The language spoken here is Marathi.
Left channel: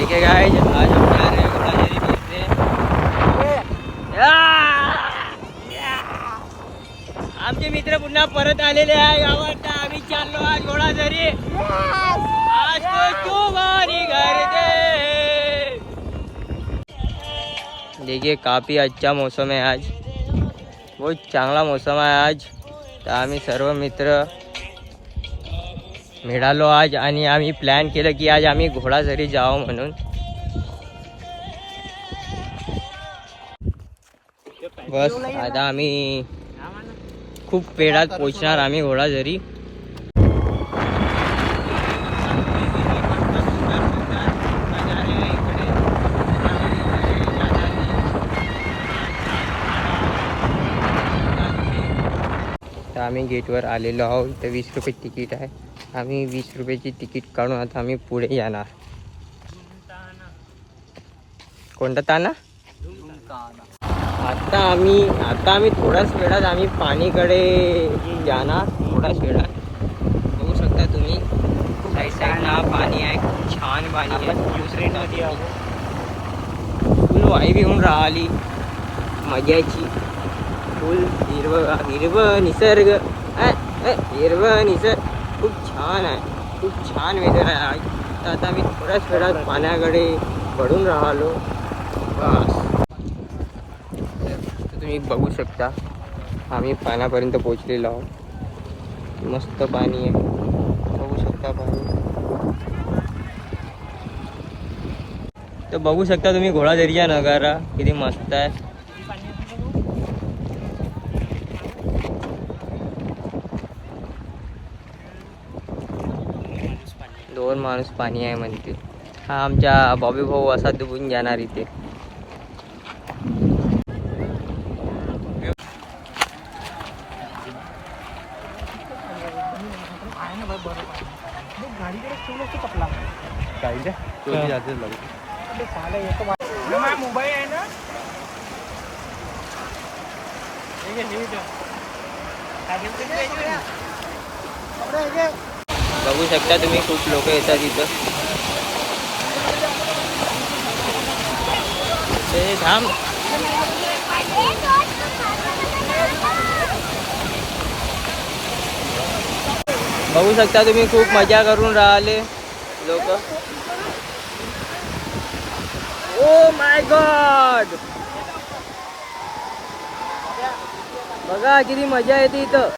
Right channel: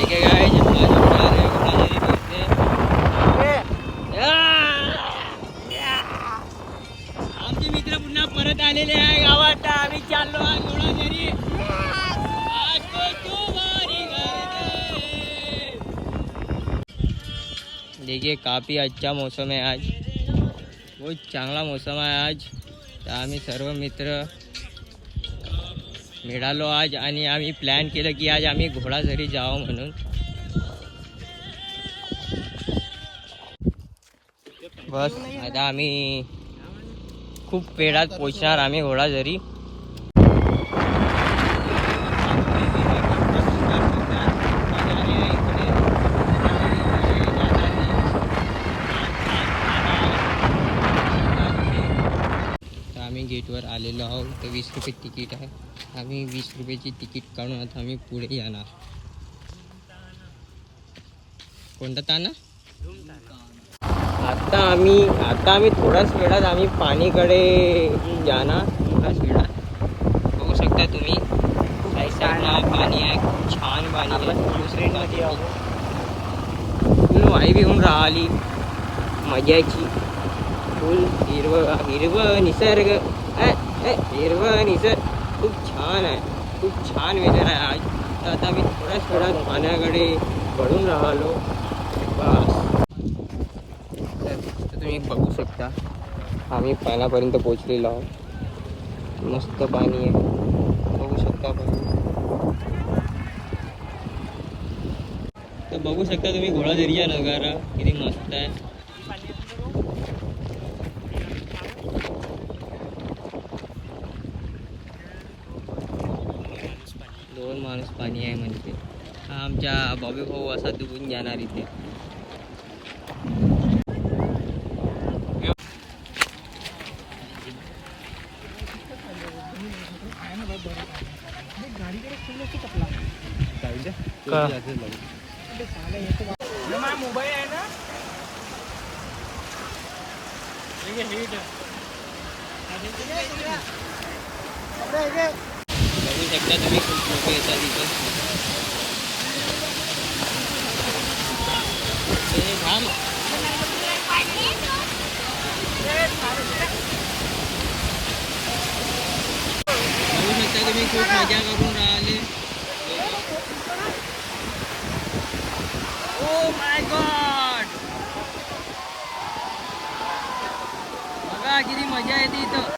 ठीक है गाइस, आज हम जा रहे हैं घोड़ाझरी देखने। आमचे मित्र पुन्हा परत आलेले आहे गावात। आम्ही चाललो आज घोड़ाझरी। आज तो बारी घर दे। देखिए काफी अच्छा मौसम है आज, बहुत चांगला मौसम आहे आज। तर आम्ही सर्व मित्र मिळालो आज आणि आम्ही प्लॅन केलं की आज आम्ही घोड़ाझरी जावं म्हणून। बस आता आम्ही खूप वेळात पोहोचणार आम्ही घोड़ाझरी। तर आम्ही गेटवर आलेलो आहोत। तर 20 रुपये तिकीट आहे। आम्ही 20 रुपयाची तिकीट काढून आता आम्ही पुढे जाणार। कोणता ताना? आता आम्ही थोड्याच वेळात आम्ही पाणीकडे जाणार। थोड्याच वेळात बघू शकता तुम्ही साईडला पाणी आहे, खूप छान पाणी आहे। फुल वाई बी होऊन राहिली मजाची। फुल हिरवं निसर्ग, हिरवं निसर्ग खूप छान आहे, खूप छान वेदर आहे आज। तर आता मी थोड्याच वेळात पाण्याकडे पडून राहिलो बस। तुम्ही बघू शकता आम्ही पाण्यापर्यंत पोहोचलेलो आहोत। मस्त पाणी आहे, बघू शकता पाणी। तर बघू शकता तुम्ही घोड़ाझरीचा नजारा किती मस्त आहे। दोन माणूस पाणी आहे म्हणते। हा आमच्या बॉबी भाऊ असा डुबून जाणार इथे। मोबाईल आहे ना, बघू शकता तुम्ही खूप लोक येतात इथं। ते थांब, बघू शकता तुम्ही खूप मजा करून राहिले लोक। ओ माय गॉड, बघा किती मजा येते इथं।